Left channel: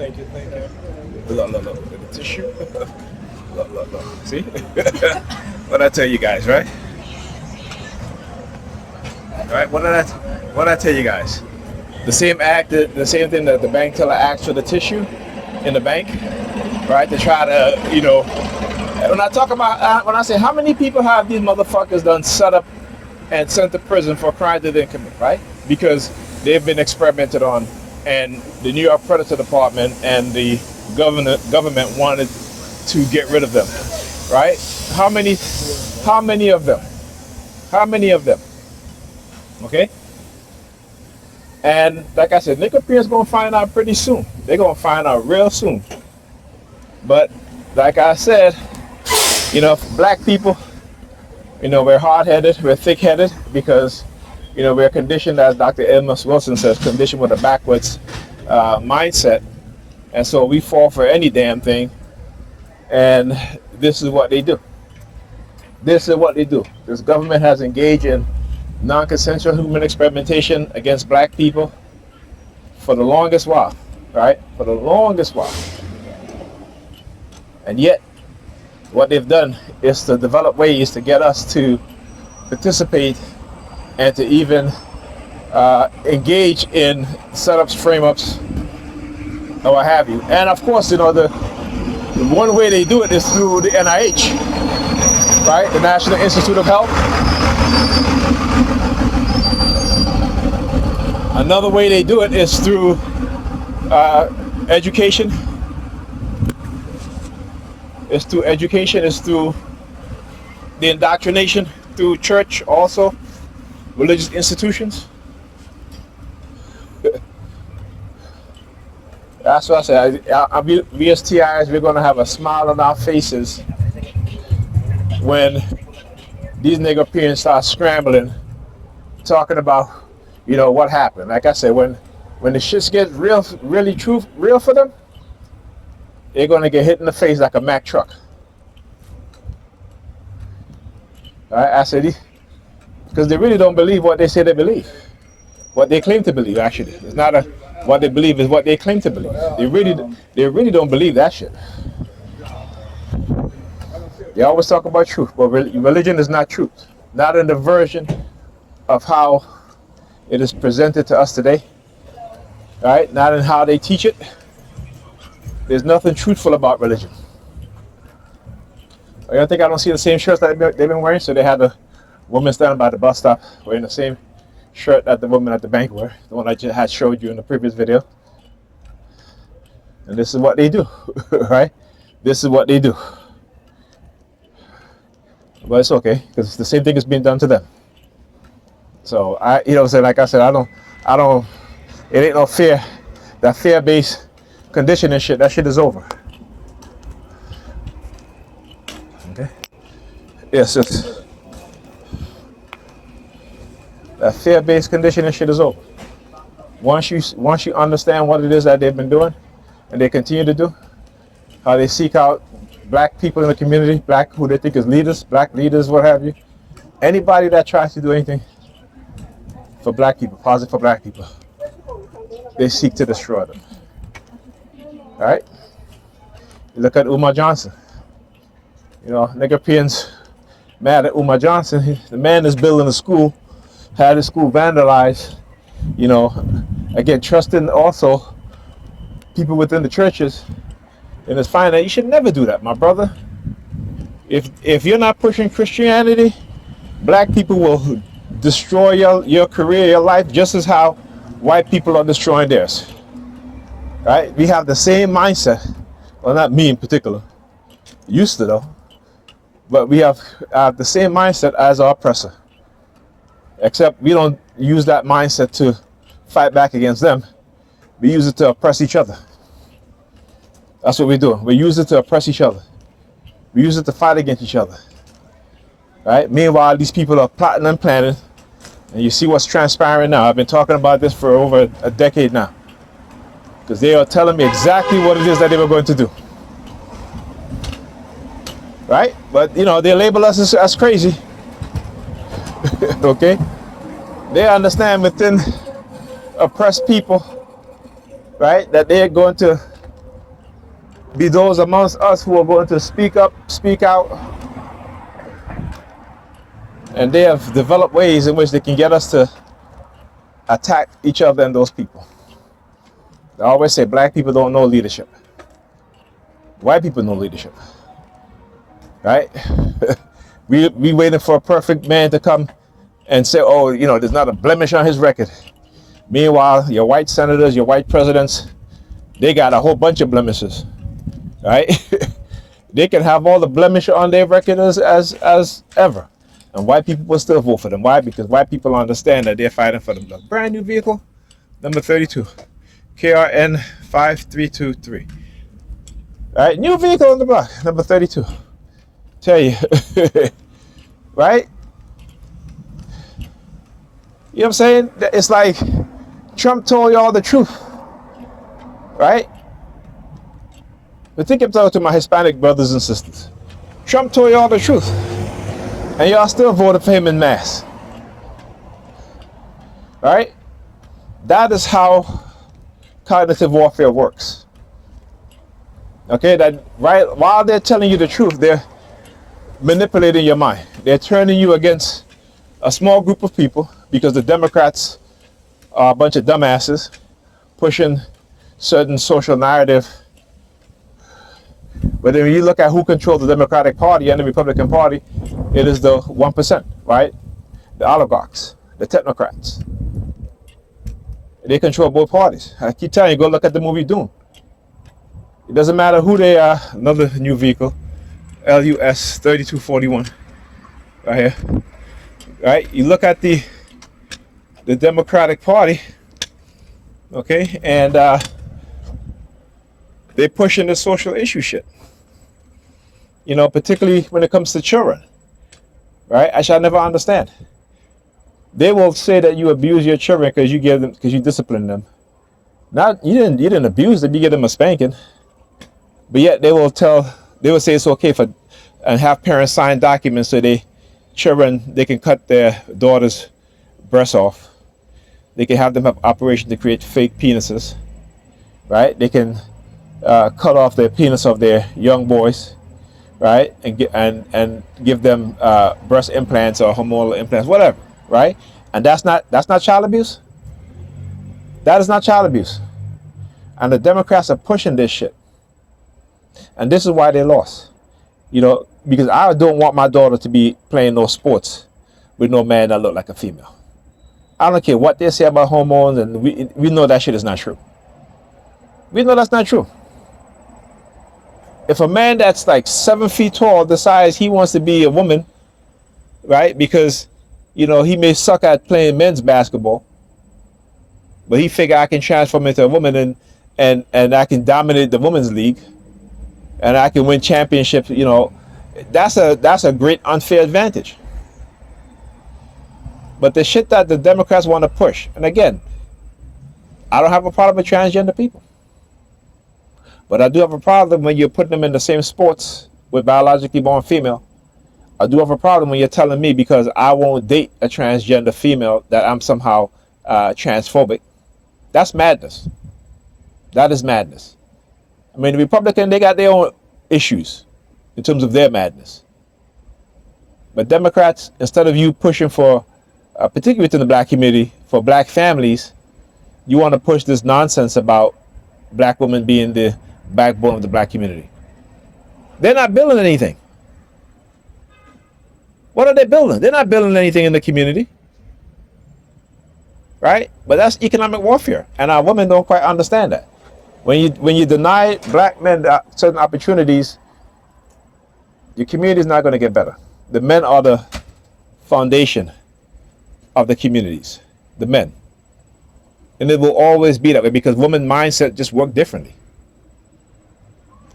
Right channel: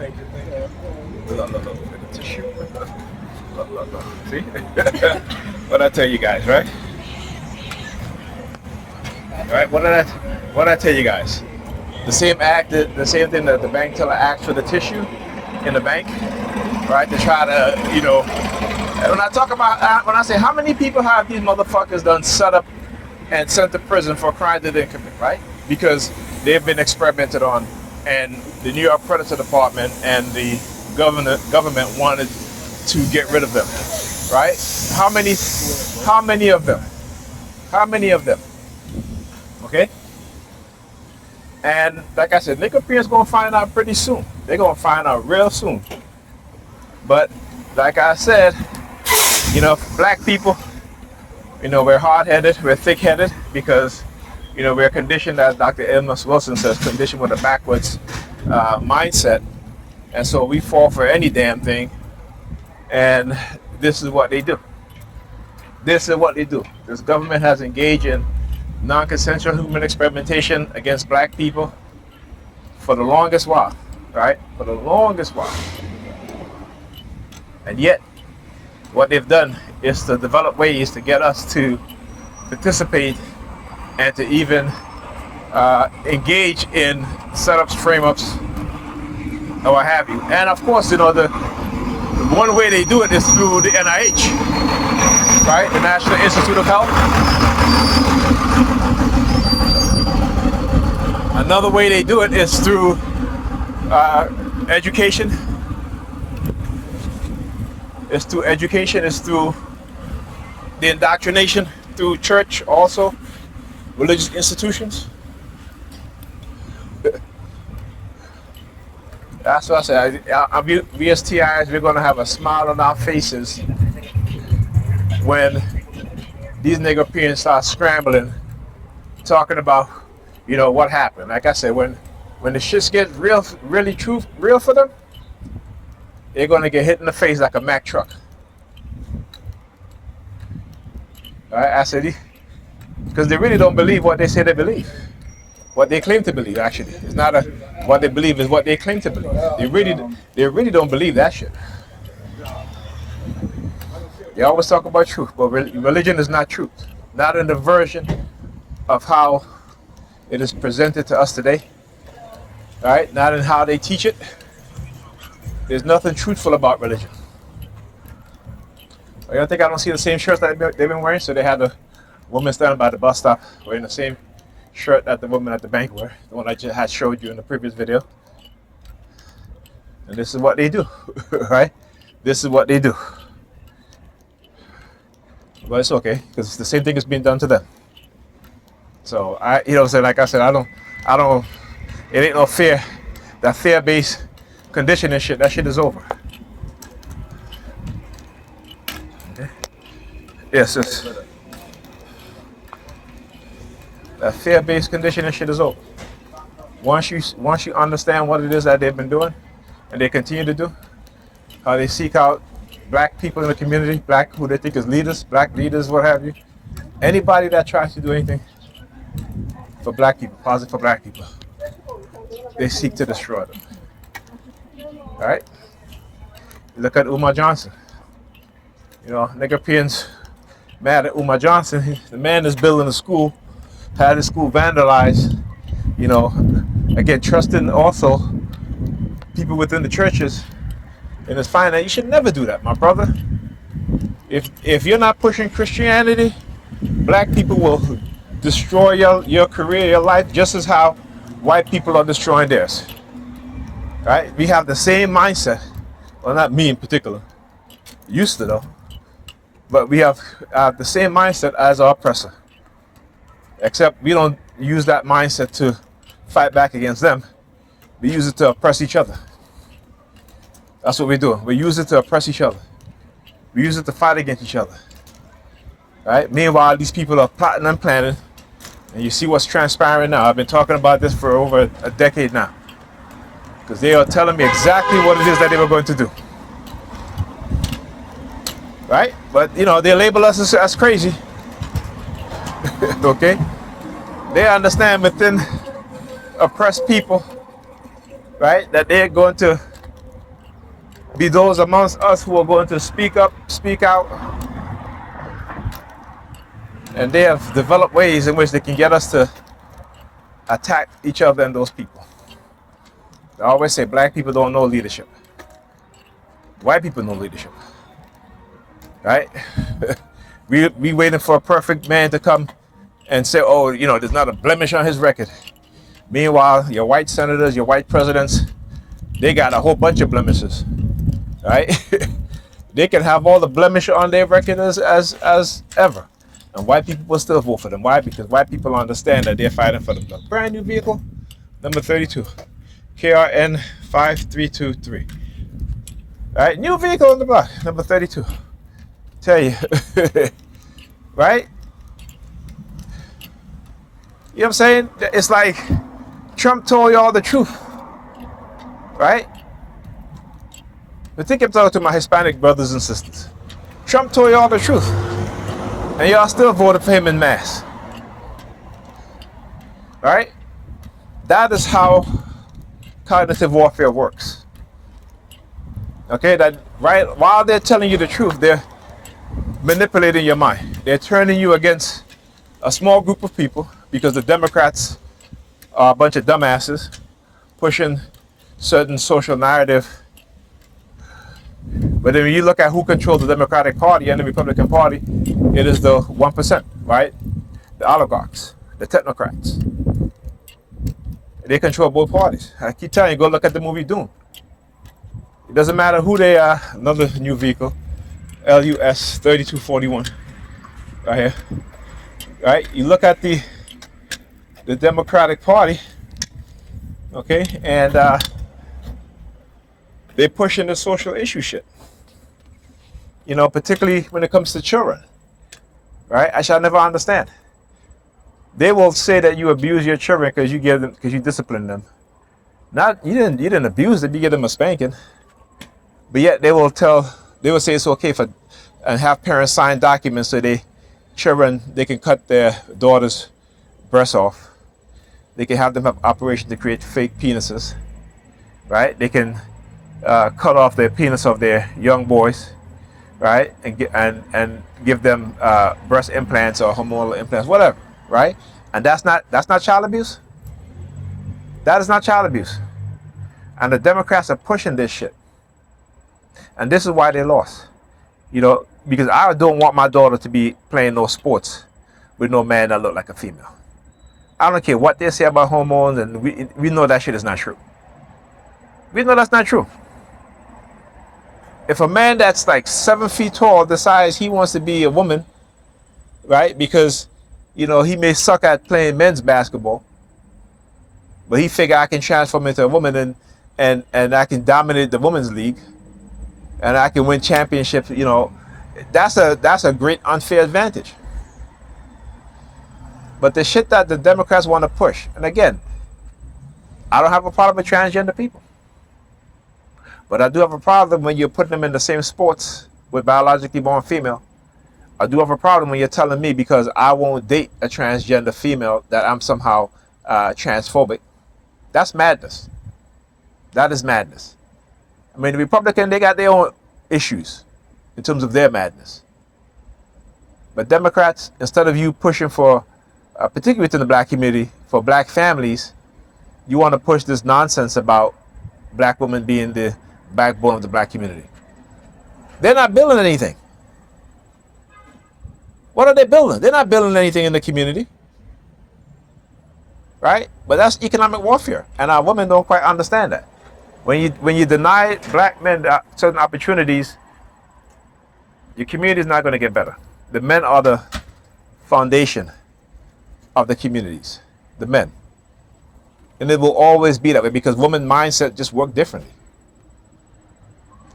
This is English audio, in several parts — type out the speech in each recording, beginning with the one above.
Thank you. Look, the tissue. Look. See? What I tell you guys, right? Right? What did I tell you guys? The same act, the same thing that the bank teller asked for the tissue in the bank, right? To try to, when I talk about, when I say how many people have these motherfuckers done set up and sent to prison for crimes they didn't commit, right? Because they've been experimented on, and the New York Predator Department and the government wanted to get rid of them, right? How many of them? How many of them? Okay? And like I said, Negropean's gonna find out pretty soon. They're gonna find out real soon. But like I said, black people, we're hard-headed, we're thick-headed because, we're conditioned, as Dr. Amos Wilson says, conditioned with a backwards mindset. And so we fall for any damn thing. And this is what they do. This is what they do. This government has engaged in non-consensual human experimentation against black people for the longest while, right? For the longest while. And yet, what they've done is to develop ways to get us to participate and to even engage in setups, frame-ups, or what have you. And of course, the one way they do it is through the NIH, right? The National Institute of Health. Another way they do it is through education. It's through education, it's through the indoctrination, through church also, religious institutions. That's what I said. We as TIs, we're going to have a smile on our faces when these Negropeans start scrambling, talking about, what happened. Like I said, when the shit gets real for them, they're going to get hit in the face like a Mack truck. All right, I said, because they really don't believe what they say they believe. What they claim to believe, actually. It's not what they believe, is what they claim to believe. They really don't believe that shit. They always talk about truth, but religion is not truth. Not in the version of how it is presented to us today. All right, not in how they teach it. There's nothing truthful about religion. I think I don't see the same shirts that they've been wearing. So they had the woman standing by the bus stop wearing the same shirt that the woman at the bank wore, the one I just had showed you in the previous video. And this is what they do, right? This is what they do. But it's okay, because the same thing is being done to them. So like I said, I don't. It ain't no fear. That fear-based conditioning shit, that shit is over. Okay. Yes. That fear-based conditioning shit is over. Once you understand what it is that they've been doing, and they continue to do, how they seek out black people in the community, black who they think is leaders, black leaders, what have you. Anybody that tries to do anything for black people, positive for black people, they seek to destroy them. All right? Look at Umar Johnson. Negropeans mad at Umar Johnson. The man is building a school, had his school vandalized. Again, trusting also people within the churches. And it's fine that you should never do that, my brother. If you're not pushing Christianity, black people will destroy your career, your life, just as how white people are destroying theirs. Right? We have the same mindset. Well, not me in particular. Used to though. But we have the same mindset as our oppressor. Except we don't use that mindset to fight back against them. We use it to oppress each other. That's what we do. We use it to oppress each other. We use it to fight against each other. Right? Meanwhile, these people are plotting and planning. And you see what's transpiring now. I've been talking about this for over a decade now. Because they are telling me exactly what it is that they were going to do. Right? But, they label us as crazy. Okay? They understand within oppressed people, right, that they're going to be those amongst us who are going to speak up, speak out, and they have developed ways in which they can get us to attack each other and those people. I always say black people don't know leadership. White people know leadership, right? we waiting for a perfect man to come and say, oh, there's not a blemish on his record. Meanwhile, your white senators, your white presidents, they got a whole bunch of blemishes, right? They can have all the blemish on their record as ever, and white people will still vote for them. Why? Because white people understand that they're fighting for them. A brand new vehicle, number 32, KRN 5323. All right, new vehicle on the block, number 32. Tell you, right? You know what I'm saying? It's like Trump told y'all the truth, right? But think I'm talking to my Hispanic brothers and sisters. Trump told y'all the truth, and y'all still voted for him in mass, right? That is how cognitive warfare works. Okay, that right while they're telling you the truth, they're manipulating your mind. They're turning you against a small group of people because the Democrats are a bunch of dumbasses pushing certain social narrative. But then when you look at who controls the Democratic Party and the Republican Party, it is the 1%, right? The oligarchs, the technocrats. They control both parties. I keep telling you, go look at the movie Dune. It doesn't matter who they are. Another new vehicle, LUS 3241, right here. Right? You look at the Democratic Party, okay, and they're pushing the social issue shit. Particularly when it comes to children, right? I shall never understand. They will say that you abuse your children because you discipline them. Not you didn't abuse them. You give them a spanking. But yet they will say it's okay and have parents sign documents so they can cut their daughter's breasts off. They can have them have operations to create fake penises, right? They can cut off the penis of their young boys, right? And give them breast implants or hormonal implants, whatever, right? And that's not child abuse. That is not child abuse. And the Democrats are pushing this shit. And this is why they lost. Because I don't want my daughter to be playing no sports with no man that look like a female. I don't care what they say about hormones, and we know that shit is not true. We know that's not true. If a man that's like 7 feet tall decides he wants to be a woman, right? Because, he may suck at playing men's basketball, but he figure I can transform into a woman and I can dominate the women's league. And I can win championships, that's a great unfair advantage. But the shit that the Democrats want to push, and again, I don't have a problem with transgender people. But I do have a problem when you're putting them in the same sports with biologically born female. I do have a problem when you're telling me because I won't date a transgender female that I'm somehow transphobic. That's madness. That is madness. I mean, the Republican, they got their own issues in terms of their madness. But Democrats, instead of you pushing for, particularly within the black community, for black families, you want to push this nonsense about black women being the backbone of the black community. They're not building anything. What are they building? They're not building anything in the community. Right? But that's economic warfare. And our women don't quite understand that. When you deny black men certain opportunities, your community is not going to get better. The men are the foundation of the communities. The men. And it will always be that way because women mindset just work differently.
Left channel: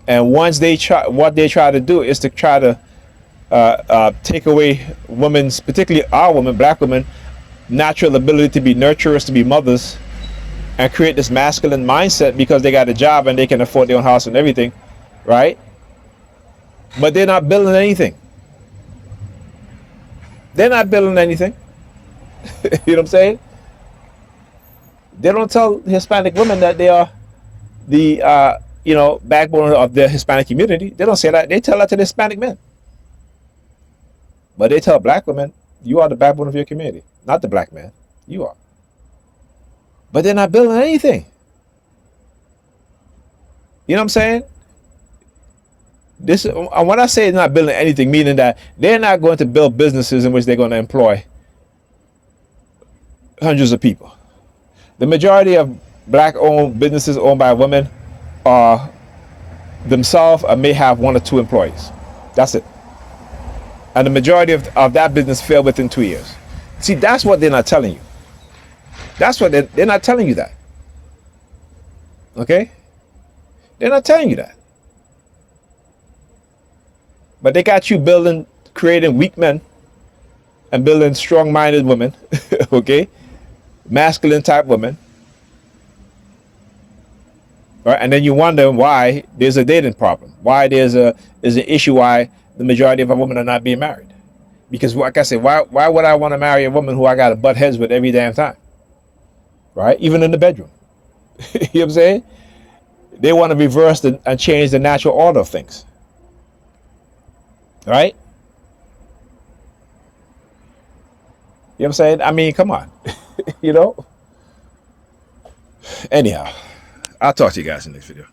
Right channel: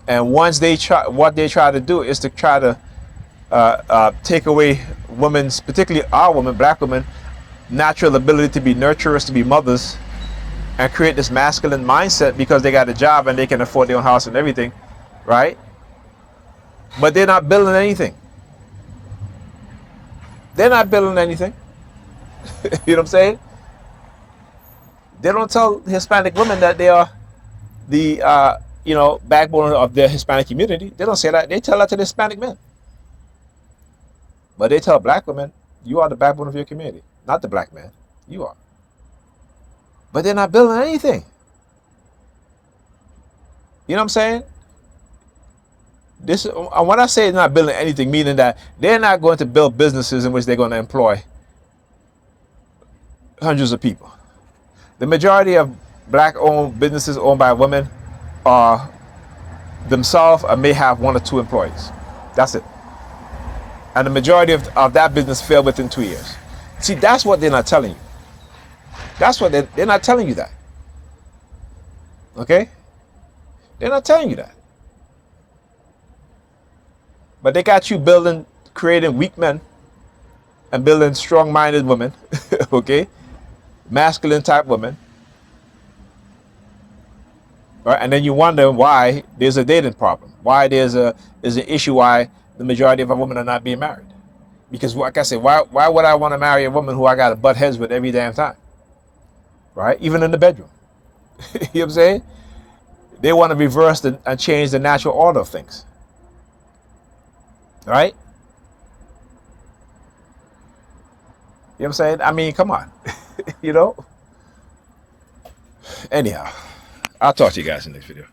And once what they try to do is to try to take away women's, particularly our women, black women, natural ability to be nurturers, to be mothers, and create this masculine mindset because they got a job and they can afford their own house and everything, right? But they're not building anything. They're not building anything. You know what I'm saying? They don't tell Hispanic women that they are the backbone of the Hispanic community. They don't say that. They tell that to the Hispanic men. But they tell black women, you are the backbone of your community, not the black man. You are. But they're not building anything. You know what I'm saying? This, when I say not building anything, meaning that they're not going to build businesses in which they're going to employ hundreds of people. The majority of black-owned businesses owned by women are themselves or may have 1 or 2 employees. That's it. And the majority of that business failed within 2 years. See, that's what they're not telling you. That's what they're not telling you that. Okay? They're not telling you that. But they got you creating weak men and building strong-minded women, okay? Masculine type women. Right? And then you wonder why there's a dating problem. Why there's an issue why the majority of our women are not being married. Because like I said, why would I want to marry a woman who I got to butt heads with every damn time? Right? Even in the bedroom. You know what I'm saying? They want to reverse and change the natural order of things. Right? You know what I'm saying? I mean, come on. You know? Anyhow, I'll talk to you guys in the next video.